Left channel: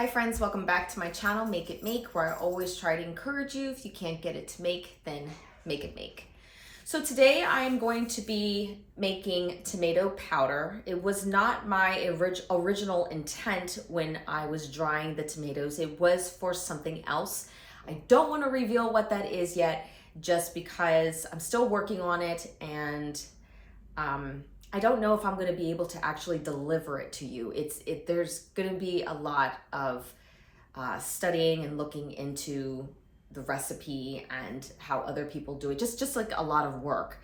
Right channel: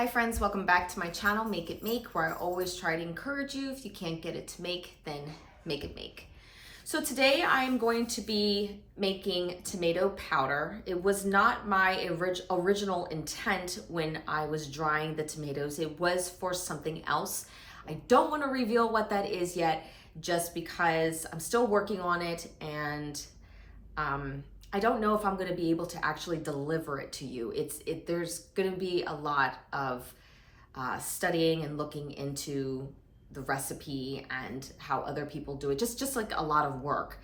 Hi friends, welcome back to my channel, Make It Make, where I always try to encourage you. If you can't get it to make, then make it make. So today I am going to be making tomato powder. It was not my original intent when I was drying the tomatoes. It was for something else. I don't want to reveal what that is yet, just because I'm still working on it and I don't know if I'm going to be able to actually deliver it to you. There's going to be a lot of studying and looking into the recipe and how other people do it. Just like a lot of work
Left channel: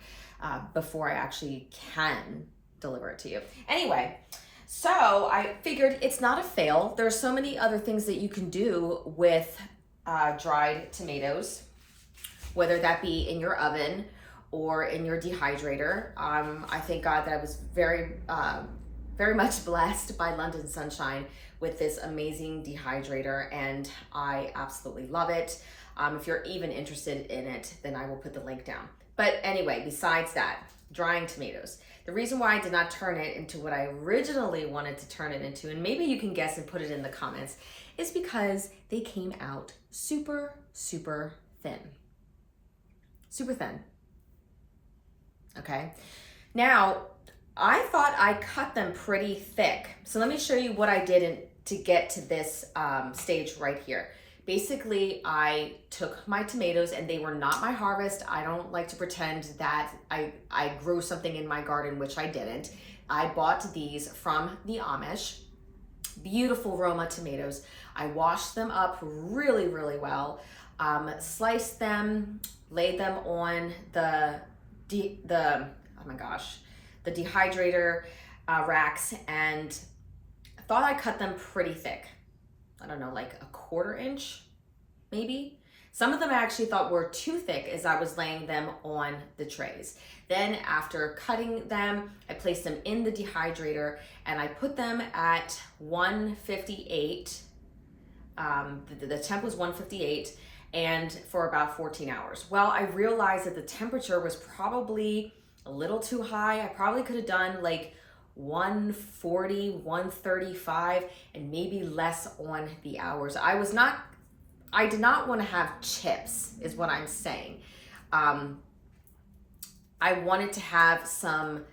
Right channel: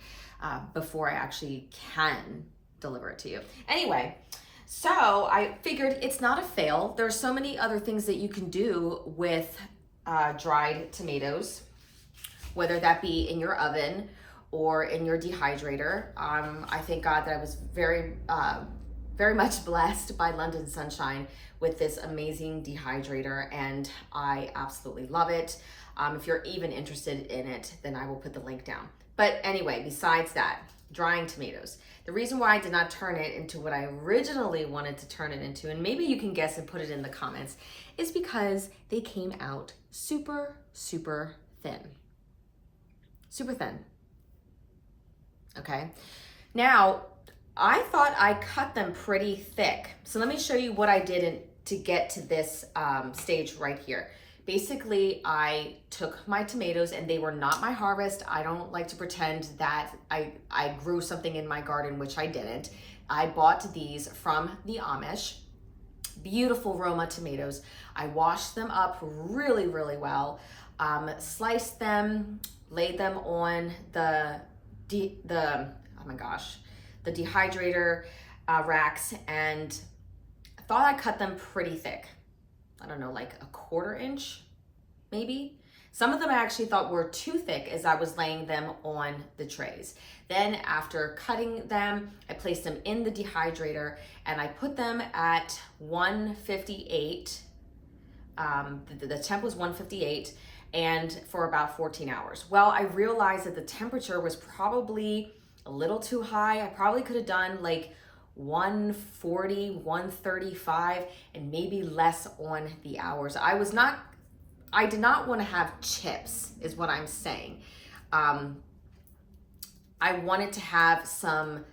before I actually can deliver it to you. Anyway, so I figured it's not a fail. There are so many other things that you can do with dried tomatoes, whether that be in your oven or in your dehydrator. I thank God that I was very much blessed by London Sunshine with this amazing dehydrator, and I absolutely love it. If you're even interested in it, then I will put the link down. But anyway, besides that, drying tomatoes. The reason why I did not turn it into what I originally wanted to turn it into, and maybe you can guess and put it in the comments, is because they came out super, super thin. Super thin. Okay, now I thought I cut them pretty thick. So let me show you what I did to get to this stage right here. Basically, I took my tomatoes, and they were not my harvest. I don't like to pretend that I grew something in my garden, which I didn't. I bought these from the Amish. Beautiful Roma tomatoes. I washed them up really, really well, sliced them, laid them on the dehydrator racks, and I thought I cut them pretty thick. I don't know, like a 1/4 inch, maybe. Some of them I actually thought were too thick as I was laying them on the trays. Then after cutting them, I placed them in the dehydrator and I put them at 158. The temp was 158. And for about 14 hours. Well, I realized that the temperature was probably a little too high. I probably could have done like 140, 135, and maybe less on the hours. I did not want to have chips, is what I'm saying. I wanted to have some,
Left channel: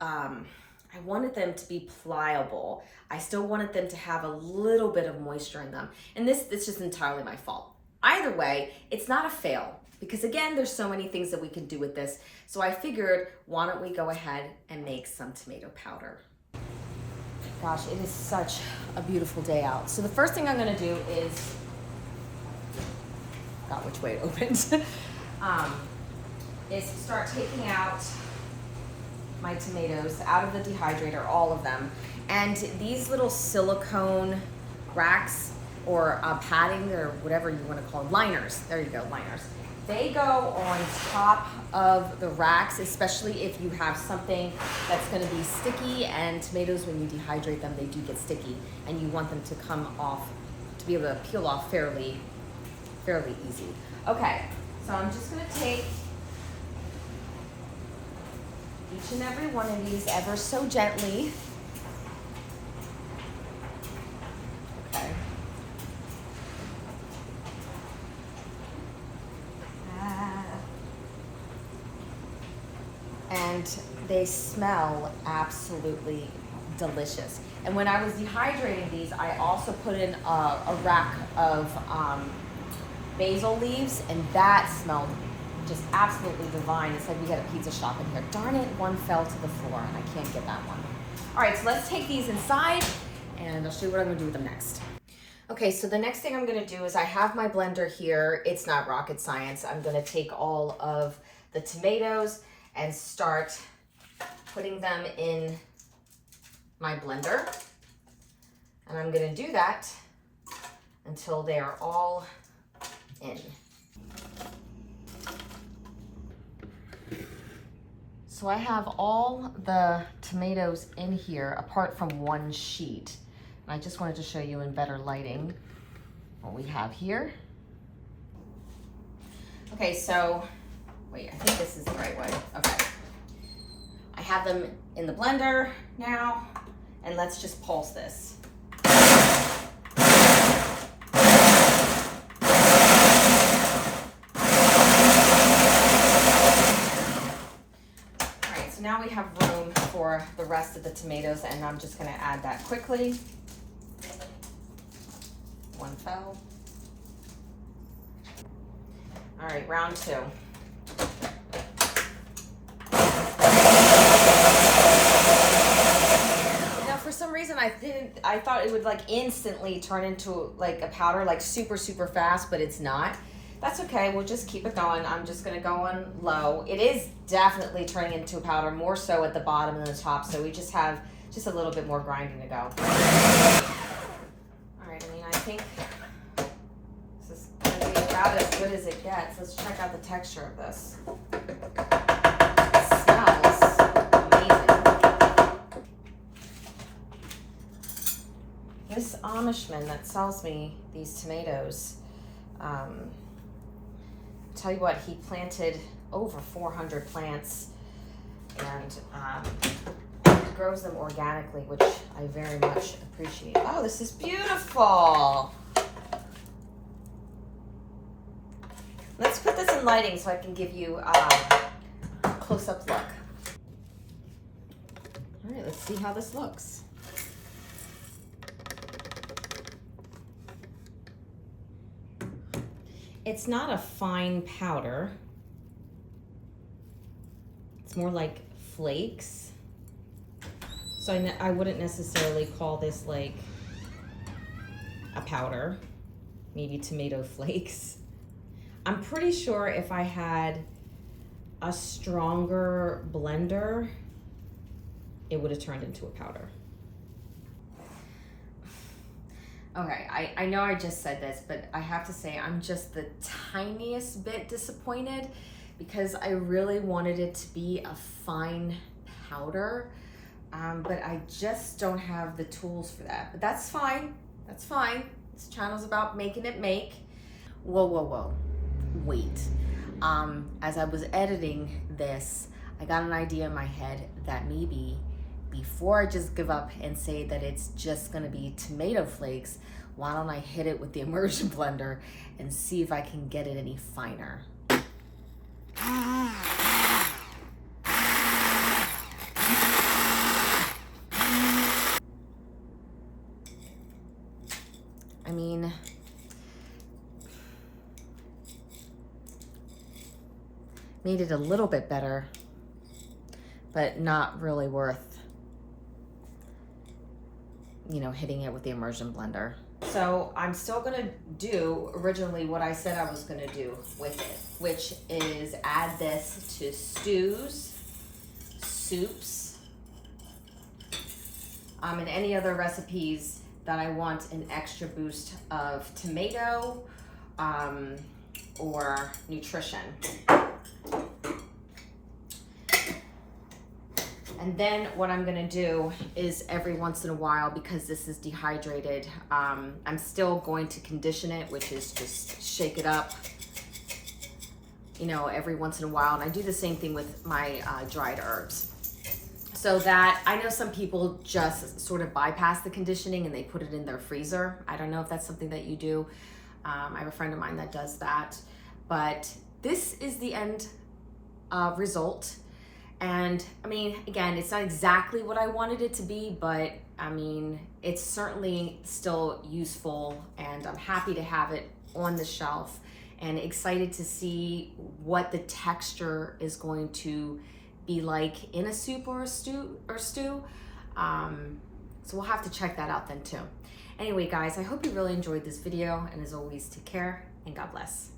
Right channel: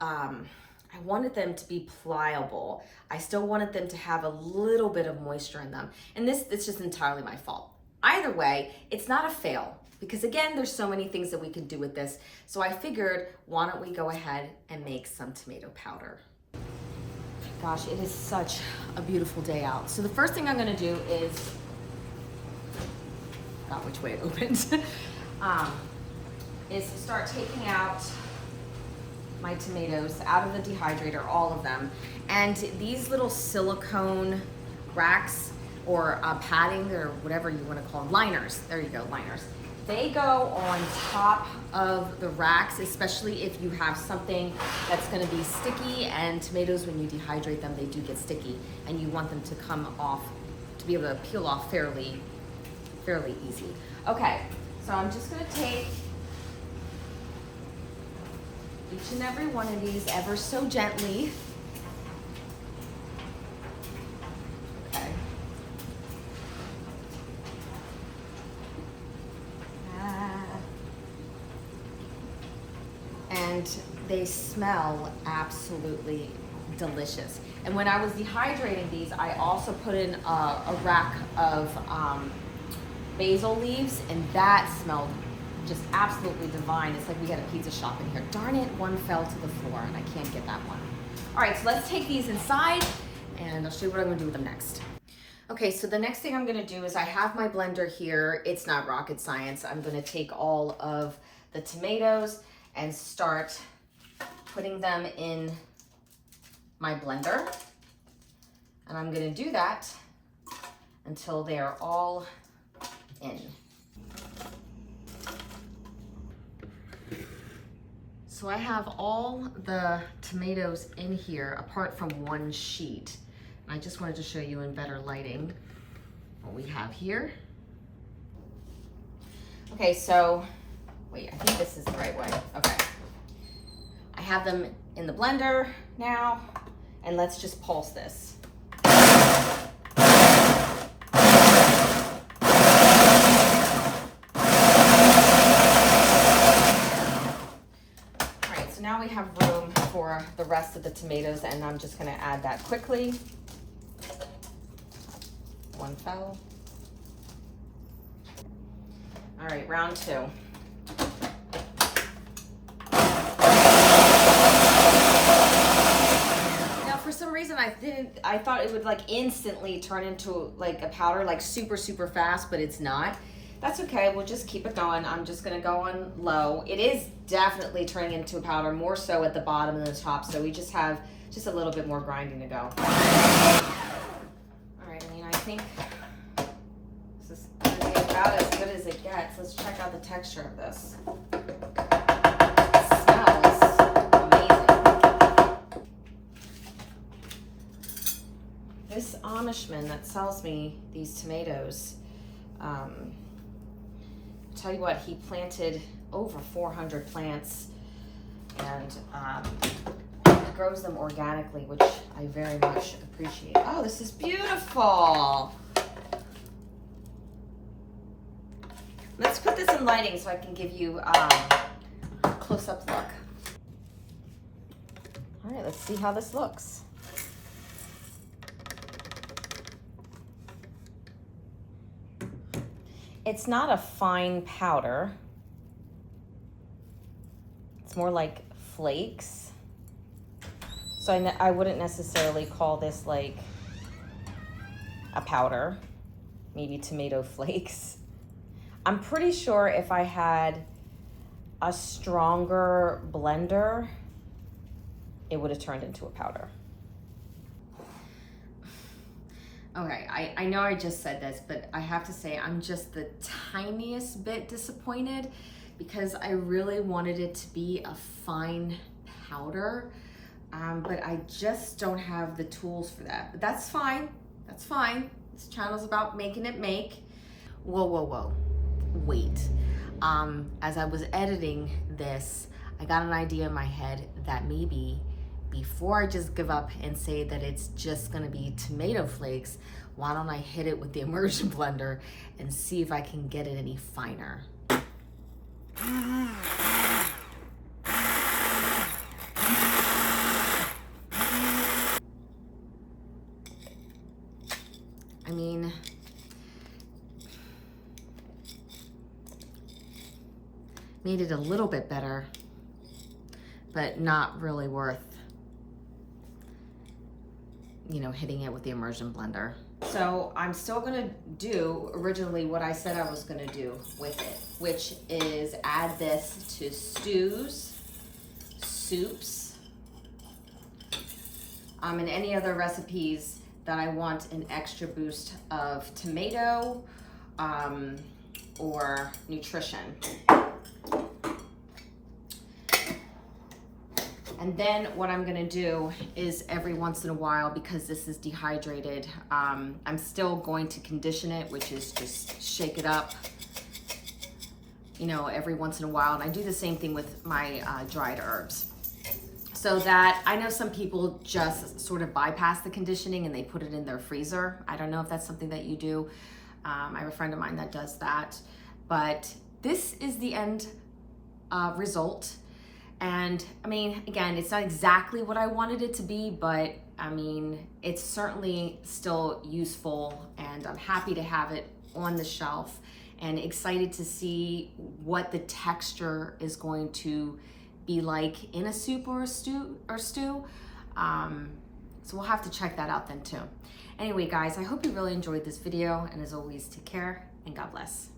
I wanted them to be pliable. I still wanted them to have a little bit of moisture in them. And it's just entirely my fault. Either way, it's not a fail, because again, there's so many things that we can do with this. So I figured, why don't we go ahead and make some tomato powder? Gosh, it is such a beautiful day out. So the first thing I'm gonna do is, forgot which way it opens, is start taking out my tomatoes out of the dehydrator, all of them. And these little silicone racks or padding, or whatever you want to call them, liners, there you go, liners. They go on top of the racks, especially if you have something that's going to be sticky, and tomatoes, when you dehydrate them, they do get sticky, and you want them to come off, to be able to peel off fairly easy. Okay, so I'm just going to take each and every one of these ever so gently. Okay. And they smell absolutely delicious. And when I was dehydrating these, I also put in a rack of basil leaves, and that smelled just absolutely divine. It's like we had a pizza shop in here. Darn it, one fell to the floor and I can't get that one. All right, so let's take these inside and I'll show you what I'm gonna do with them next. Okay, so the next thing I'm gonna do is I have my blender here. It's not rocket science. I'm gonna take all of the tomatoes and start putting them in my blender. And I'm gonna do that until they are all in. So I have all the tomatoes in here apart from one sheet. And I just wanted to show you in better lighting what we have here. Okay, so, wait, I think this is the right way. Okay. I have them in the blender now, and let's just pulse this. rest of the tomatoes, and I'm just gonna add that quickly. One fell. All right, round two. Now, for some reason, I thought it would like instantly turn into like a powder, like super, super fast, but it's not. That's okay, we'll just keep it going. I'm just gonna go on low. It is definitely turning into a powder, more so at the bottom than the top, so we just have just a little bit more grinding to go. All right, I mean, I think this is gonna be about as good as it gets. Let's check out the texture of this. It smells amazing. This Amishman that sells me these tomatoes, tell you what, he planted over 400 plants, and he grows them organically, which I very much appreciate. Oh, this is beautiful. Let's put this in lighting so I can give you a close-up look. All right, let's see how this looks. It's not a fine powder. It's more like flakes. So I wouldn't necessarily call this like a powder, maybe tomato flakes. I'm pretty sure if I had a stronger blender, it would have turned into a powder. Okay, I know I just said this, but I have to say I'm just the tiniest bit disappointed because I really wanted it to be a fine powder, but I just don't have the tools for that. But that's fine, that's fine. This channel's about making it make. Whoa, whoa, whoa, wait. As I was editing this, I got an idea in my head that maybe before I just give up and say that it's just gonna be tomato flakes, why don't I hit it with the immersion blender and see if I can get it any finer. I mean, made it a little bit better, but not really worth, you know, hitting it with the immersion blender. So I'm still gonna do originally what I said I was gonna do with it, which is add this to stews, soups, and any other recipes that I want an extra boost of tomato or nutrition. And then what I'm gonna do is every once in a while, because this is dehydrated, I'm still going to condition it, which is just shake it up, you know, every once in a while. And I do the same thing with my dried herbs. So that, I know some people just sort of bypass the conditioning and they put it in their freezer. I don't know if that's something that you do. I have a friend of mine that does that. But this is the end result. And I mean, again, it's not exactly what I wanted it to be, but I mean, it's certainly still useful, and I'm happy to have it on the shelf and excited to see what the texture is going to be like in a soup or a stew. So we'll have to check that out then too. Anyway, guys, I hope you really enjoyed this video, and as always, take care and God bless.